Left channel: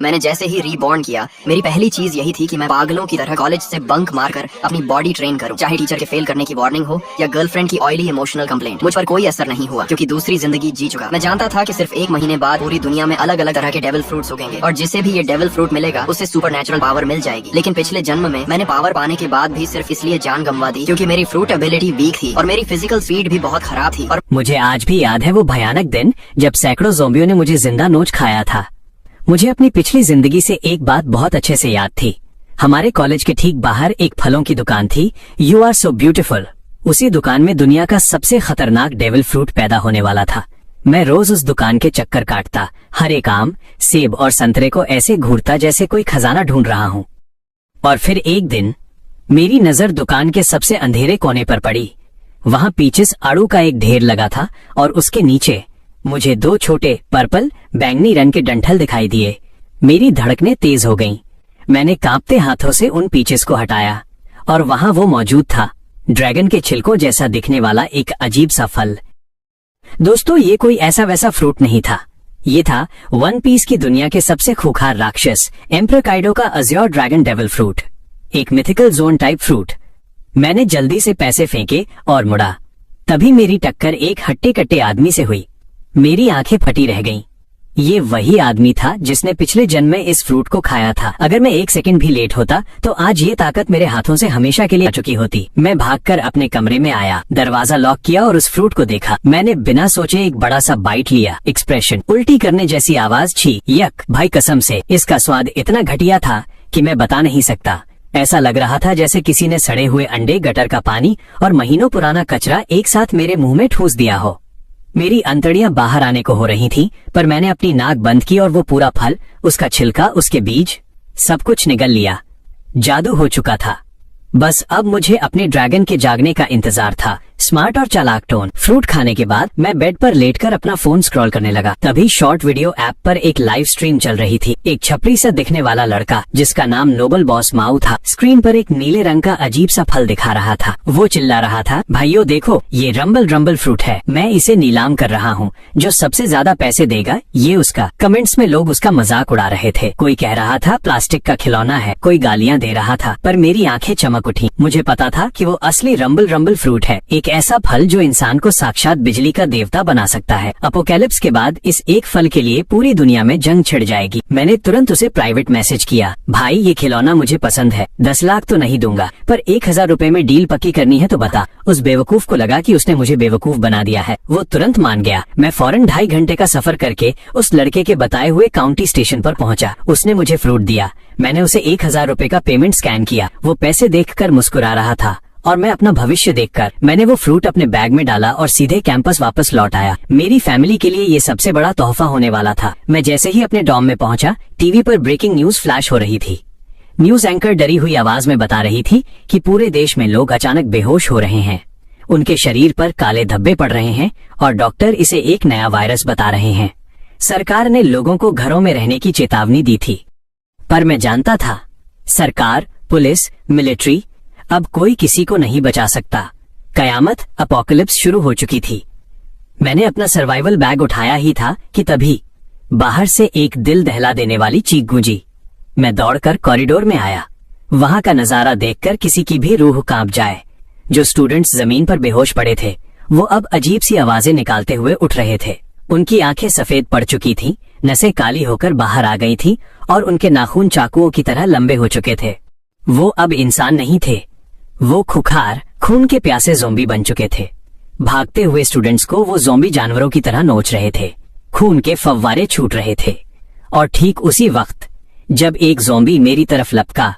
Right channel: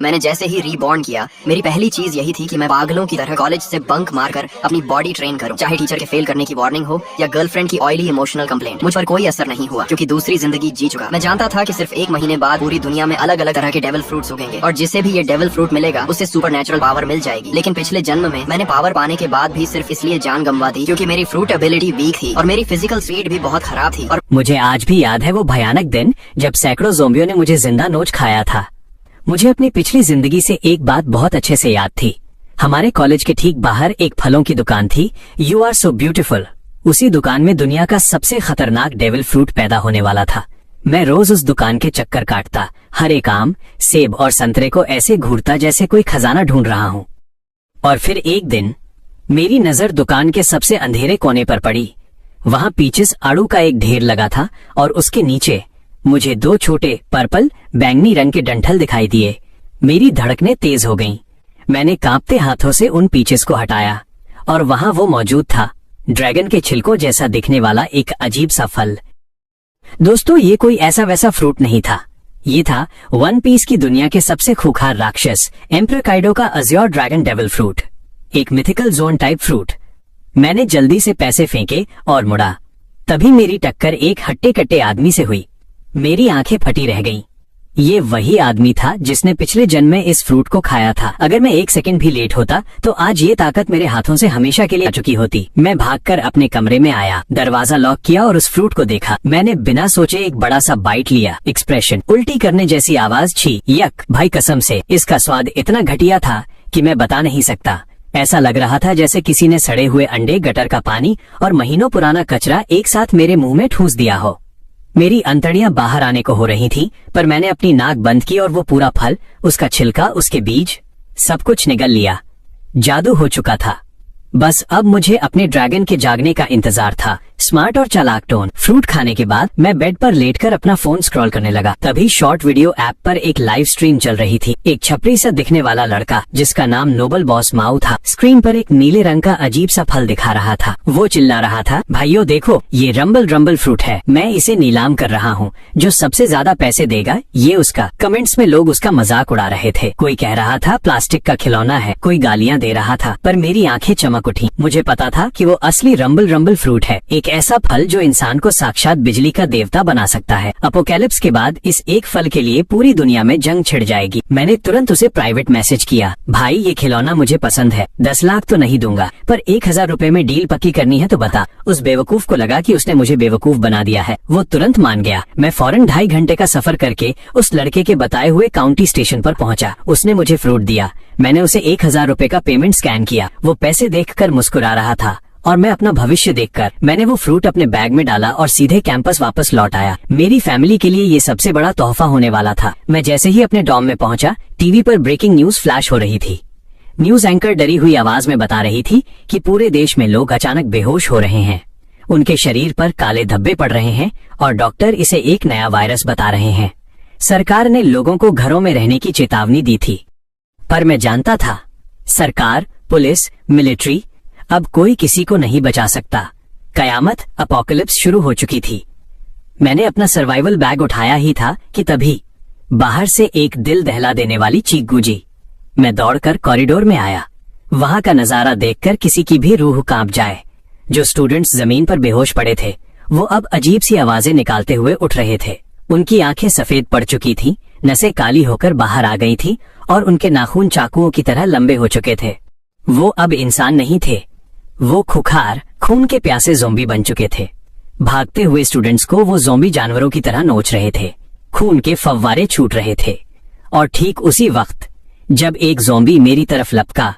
मैंने जैसे ही रीबॉर्न किया, मेरी पहली चीज यही थी कि मैं पागलों की तरह कॉलेज से बंक मारकर अपनी बॉडी ट्रेन करूं। चाहे टीचर के फेल करने की वार्निंग हो या गर्लफ्रेंड की ऑयली इमोशनल कंप्लेंट, मुझ पर कोई असर नहीं हुआ क्योंकि दूसरी जिंदगी जी चुका। मैं जानता था कि सिर्फ 1 महीने बाद पूरी दुनिया में अलग अलग तरह के डेविल फ्रूट्स उगेंगे और जिसे भी ये डेविल फ्रूट मिलेगा उसे सुपर नेचुरल पावर मिल जाएगी। लेकिन पिछले जन्म में मैंने पावर पाने के बाद भी सिर्फ इसलिए जान गंवा दी क्योंकि मेरी फ्रूट एबिलिटी वीक थी और मेरी फिजिकल स्पीड भी बहुत खराब थी। और मुझे आज भी याद है वो भयानक दिन जब सैकड़ों ज़ोंबियों ने मुझे जिंदा नोच खाया था। मुझे अपनी पिछली जिंदगी से एक बात बहुत अच्छे से याद थी। हमारे कॉलेज के ठीक बाहर एक फलों की दुकान थी, यू आर सो ब्यूटीफुल। उसी दुकान में दुनिया का सबसे खतरनाक डेविल फ्रूट पैदा होने वाला था। मैं रोज उस दुकान के चक्कर काटता, हर एक आम, सेब और संतरे को ऐसे घूरता जैसे कोई खजाना ढूंढ रहा हूँ। और फिर एक दिन मेरी नजर दुकान के सबसे अंधेरे कोने पर पड़ी। वहाँ पीछे आड़ू का एक ढेर लगा था और उसके नीचे मुझे 2 छोटे पर्पल बैंगनी रंग के डंठल दिखाई दिए। मेरी धड़कनें तेज हो गईं। मैंने कांपते हाथों से उन पीचेस को हटाया और वहां वो मौजूद था, ड्रैगन के छिलकों जैसा दिखने वाला एक अजीब सा फल। दोस्तों, ये कोई ऐसा वैसा फ्रूट नहीं था। ये था वन पीस की दुनिया के सबसे खूंखार राक्षस एम्परर काइडो का अज़्योर ड्रैगन डेविल फ्रूट, एक मिथिकल जोन टाइप फ्रूट। मैंने जल्दी से पैसे फेंके और मुड़ा। तभी मेरी टक्कर एक हट्टे कट्टे आदमी से हुई। मेरी आंखें फटी रह गईं। ये वही आदमी था जिसने पिछले जन्म में इस फ्रूट को खाया था। अगर मैं 1 सेकंड भी लेट होता तो आज ये ताकत मेरे हाथों से हमेशा के लिए आ चुकी होती। मैं भागकर अपने कमरे में आया, दरवाजा लॉक किया और उस फ्रूट को देखा। मैंने बिना सोचे एक बड़ा सा बाइट लिया। एक्सप्रेशन, उल्टी करने जैसी आवाज, छी, यक, भाई कसम से इसका स्वाद इतना घटिया था कि मैं बता नहीं सकता। ऐसा लग रहा था जैसे किसी ने सड़े हुए अंडे, गटर का पानी और महीनों पुराना कचरा एक साथ मेरे मुंह में ठूंस दिया हो। मेरी अंतड़ियां बाहर आने को हो रही थीं, पर मैंने अपनी नाक बंद की और वो पूरा फल, उसका छिलका, उसके बीज, सब कुछ निगल लिया। जादू हो चुका था। बस अब मुझे अपने ड्रैगन के जागने का इंतजार था। स्मार्ट और चालाक टोन। फ्रूट खाने के बाद मैं बेड पर लेटकर अपना फोन स्क्रॉल करने लगा। तभी शॉर्ट वीडियो ऐप पर एक लाइव स्ट्रीम चल रही थी। एक छपरी सा दिखने वाला लड़का जिसका नाम नोबल बॉस माऊ था, स्क्रीन पर एक नीले रंग का अजीब सा फल दिखा रहा था। वो चिल्ला रहा था, भाइयों देखो, ये रंबल फ्रूट है, मैं इसे नीलाम कर रहा हूँ, जो सबसे ज्यादा पैसे देगा ये उसका। कमेंट्स में लोग उसका मजाक उड़ा रहे थे। कोई कह रहा था प्लास्टिक का खिलौना है, कोई गालियाँ दे रहा था, पर मेरी आंखें चमक उठी। मुझे पता था कि वो असली रंबल फ्रूट है, एक ऐसा फल जो इंसान को साक्षात बिजली का देवता बना सकता है। अपोकैलिप्स के बाद इस एक फल के लिए पूरी दुनिया में जंग छिड़ जाएगी। मैंने तुरंत उसे प्राइवेट मैसेज किया, भाई ये खिलौना मुझे पसंद है, 10 लाख तो नहीं दूंगा, पर 1000 रुपए में डील पक्की करनी है तो बता। उस बेवकूफ को लगा कि उसने मुझे बेवकूफ बना दिया है। वो तुरंत मान गया। मैं फौरन 2.5 घंटे का सफर करके उस लड़के के बताए हुए काउंटी स्टेशन पर पहुंचा। उसने मुझे फ्रूट दिया। मैंने उसे 1000 रुपए का पेमेंट स्कैन किया। वो पैसे देखकर मुस्कुरा रहा था और मैं अपना भविष्य देखकर। मैंने वो फ्रूट अपने बैग में डाला और सीधे कैंपस वापस लौट आया। मेरी फैमिली के लिए ये सबसे बड़ा तोहफा होने वाला था। मैं जैसे ही अपने डॉर्म में पहुंचा, टीवी पर ब्रेकिंग न्यूज फ्लैश हो रही थी। न्यूज एंकर डरी हुई आवाज में बता रही थी कि पूरे देश में लोग अचानक बेहोश हो रहे हैं, उनके शरीर पर काले धब्बे पड़ रहे हैं और डॉक्टर इसे एक नया वायरस बता रहे हैं। सरकार ने लोगों को घरों में रहने की चेतावनी दी थी, पर मैं जानता था सरकार, पुलिस, मिलिट्री, अब कोई किसी को नहीं बचा सकता। कयामत, अपोकलिप्स शुरू हो चुकी थी। मैंने अपना सर्वाइवल बैग उठाया ही था कि तभी बाहर से एक दिल दहला देने वाली चीख गूंजी। मैं दौड़कर कॉरिडोर में आया। वहां का नजारा देखकर किसी की भी रूह कांप जाए। जो स्टूडेंट्स जमीन पर बेहोश पड़े थे वो अब अजीब सी आवाजें निकालते हुए उठ रहे थे। उनकी आंखें सफेद पड़ चुकी थीं, नसें काली होकर बाहर आ गई थीं और उनके नाखून चाकुओं की तरह लंबे हो चुके थे। वो अब इंसान नहीं थे, वो खुखार, खून के प्यासे ज़ोंबी बन चुके थे। भागते हुए स्टूडेंट्स को वो ज़ोंबी जानवरों की तरह नोच रहे थे। खून के फव्वारे छूट रहे थे। और ठीक उसी वक्त जब एक ज़ोंबी मेरी तरफ लपका,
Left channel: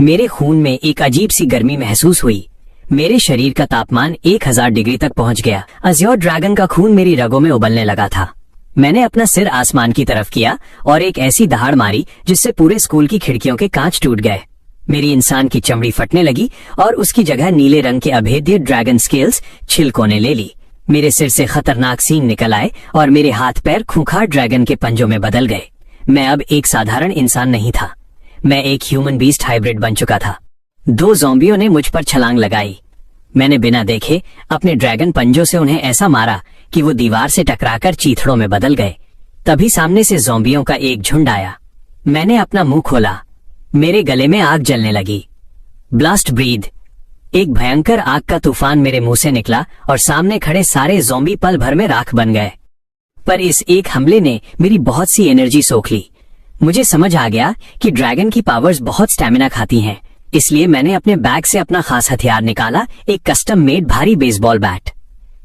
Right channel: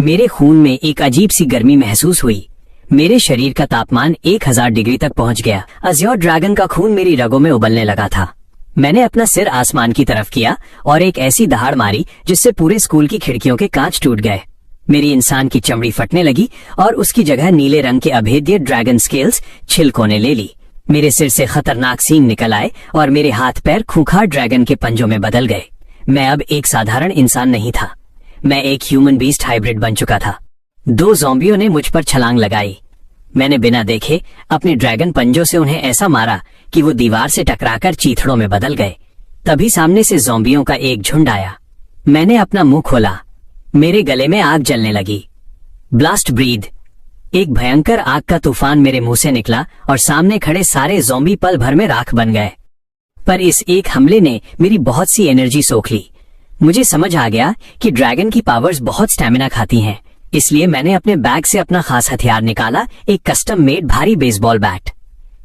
मेरे खून में एक अजीब सी गर्मी महसूस हुई। मेरे शरीर का तापमान 1000 डिग्री तक पहुंच गया। अज़्योर ड्रैगन का खून मेरी रगों में उबलने लगा था। मैंने अपना सिर आसमान की तरफ किया और एक ऐसी दहाड़ मारी जिससे पूरे स्कूल की खिड़कियों के कांच टूट गए। मेरी इंसान की चमड़ी फटने लगी और उसकी जगह नीले रंग के अभेद्य ड्रैगन स्केल्स छिलकों ने ले ली। मेरे सिर से खतरनाक सींग निकल आए और मेरे हाथ पैर खूंखार ड्रैगन के पंजों में बदल गए। मैं अब एक साधारण इंसान नहीं था, मैं एक ह्यूमन बीस्ट हाइब्रिड बन चुका था। 2 ज़ोंबियों ने मुझ पर छलांग लगाई। मैंने बिना देखे अपने ड्रैगन पंजों से उन्हें ऐसा मारा कि वो दीवार से टकराकर चीथड़ों में बदल गए। तभी सामने से ज़ोंबियों का एक झुंड आया। मैंने अपना मुंह खोला। मेरे गले में आग जलने लगी। Blast breath. एक भयंकर आग का तूफान मेरे मुंह से निकला और सामने खड़े सारे ज़ॉम्बी पल भर में राख बन गए। पर इस एक हमले ने मेरी बहुत सी एनर्जी सोख ली। मुझे समझ आ गया कि ड्रैगन की पावर्स बहुत स्टैमिना खाती हैं, इसलिए मैंने अपने बैग से अपना खास हथियार निकाला, एक कस्टम मेड भारी बेसबॉल बैट।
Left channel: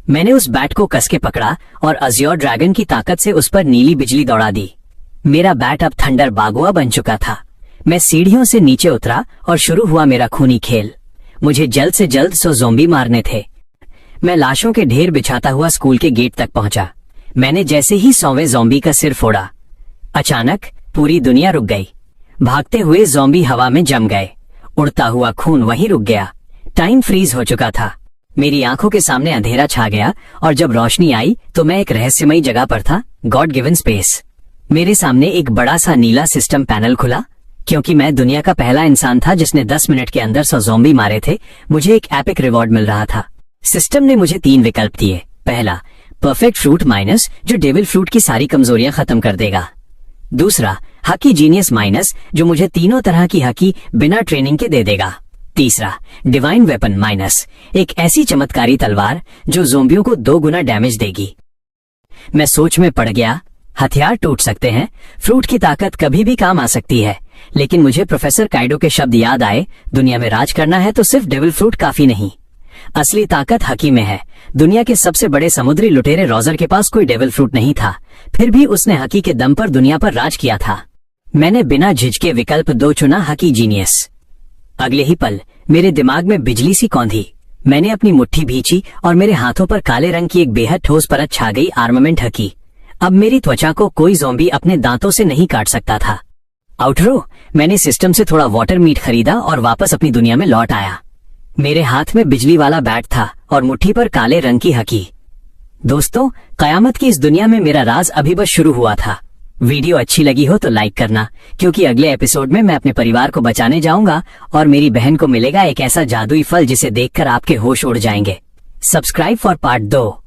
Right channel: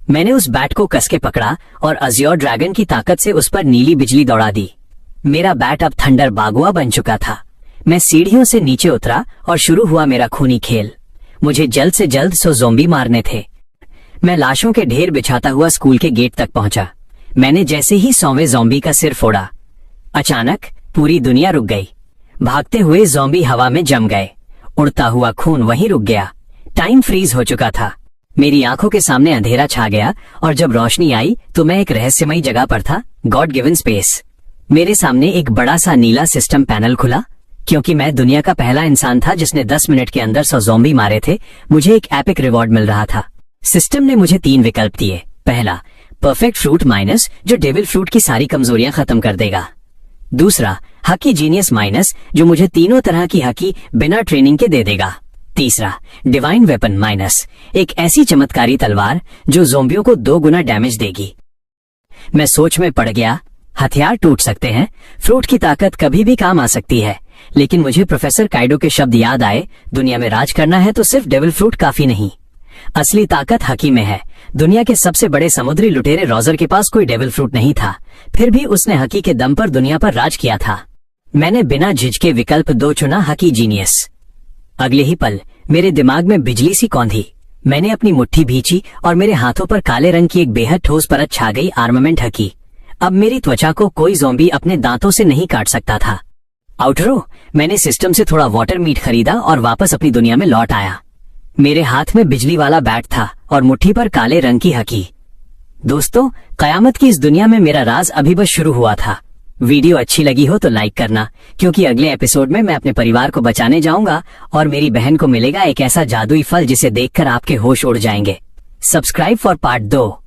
मैंने उस बैट को कस के पकड़ा और अज़्योर ड्रैगन की ताकत से उस पर नीली बिजली दौड़ा दी। मेरा बैट अब थंडर बागुआ बन चुका था। मैं सीढ़ियों से नीचे उतरा और शुरू हुआ मेरा खूनी खेल। मुझे जल्द से जल्द 100 ज़ॉम्बी मारने थे। मैं लाशों के ढेर बिछाता हुआ स्कूल के गेट तक पहुंचा। मैंने जैसे ही 100वें ज़ॉम्बी का सिर फोड़ा, अचानक पूरी दुनिया रुक गई। भागते हुए ज़ॉम्बी हवा में जम गए। उड़ता हुआ खून वहीं रुक गया। टाइम फ्रीज हो चुका था। मेरी आंखों के सामने अंधेरा छा गया और जब रोशनी आई तो मैं एक रहस्यमयी जगह पर था, गॉड गिवन स्पेस। मेरे सामने एक बड़ा सा नीला सिस्टम पैनल खुला। क्योंकि मैं दुनिया का पहला इंसान था जिसने 10 मिनट के अंदर 100 ज़ॉम्बी मारे थे, मुझे एक एपिक रिवॉर्ड मिल रहा था। सिस्टम ने मुझे 3 विकल्प दिए। पहला, परफेक्ट फ्रूट माइनस, जो डेविल फ्रूट की सारी कमजोरियां खत्म कर देगा। दूसरा, हकी जीनियस माइनस, जो मुझे तीनों तरह की हकी बिना ट्रेनिंग के दे देगा। तीसरा, डिवाइन वेपन माइनस, एक ऐसी चमत्कारी तलवार जो ज़ॉम्बियों को 2 गुना डैमेज देगी। मैं सोच में पड़ गया। हथियार टूट सकते हैं, फ्रूट की ताकत कभी भी काम आ सकती है, लेकिन मुझे प्रोफेसर काइडो के शब्द याद आए, दुनिया में राज करना है तो सिर्फ डेविल फ्रूट काफी नहीं, असली ताकत हकी में है। दुनिया के सबसे बड़े समुद्री लुटेरे रॉजर के पास कोई डेविल फ्रूट नहीं था, फिर भी उसने हकी के दम पर दुनिया पर राज किया था। मैंने बिना झिझके विकल्प 2 चुना, हकी जीनियस। अगले ही पल मेरे दिमाग में बिजली सी कौंधी। मैंने अपनी मुट्ठी भींची और मेरे हाथों पर काले रंग की एक बेहद ठोस परत छा गई, आर्मामेंट हकी। अब मेरी त्वचा को कोई ज़ॉम्बी अपने दांतों से नहीं काट सकता था। आउटरो, मैंने सिस्टम से थोड़ा वाटर मीट खरीदा और वापस अपनी दुनिया में लौट आया। मेरे हाथ में बिजली वाला बैट था और मुट्ठी पर काले रंग की हकी। दोस्तों, कयामत की इस दुनिया में मेरा राज अभी बस शुरू हुआ था। वीडियो अच्छी लगी हो तो लाइक करना, क्योंकि अगले एपिसोड में मैं अपने परिवार को बचाने जाऊंगा और मेरी बहन को मिलेगा एक ऐसा जादुई फल जिसे देखकर आपके होश उड़ जाएंगे। Subscribe for part 2।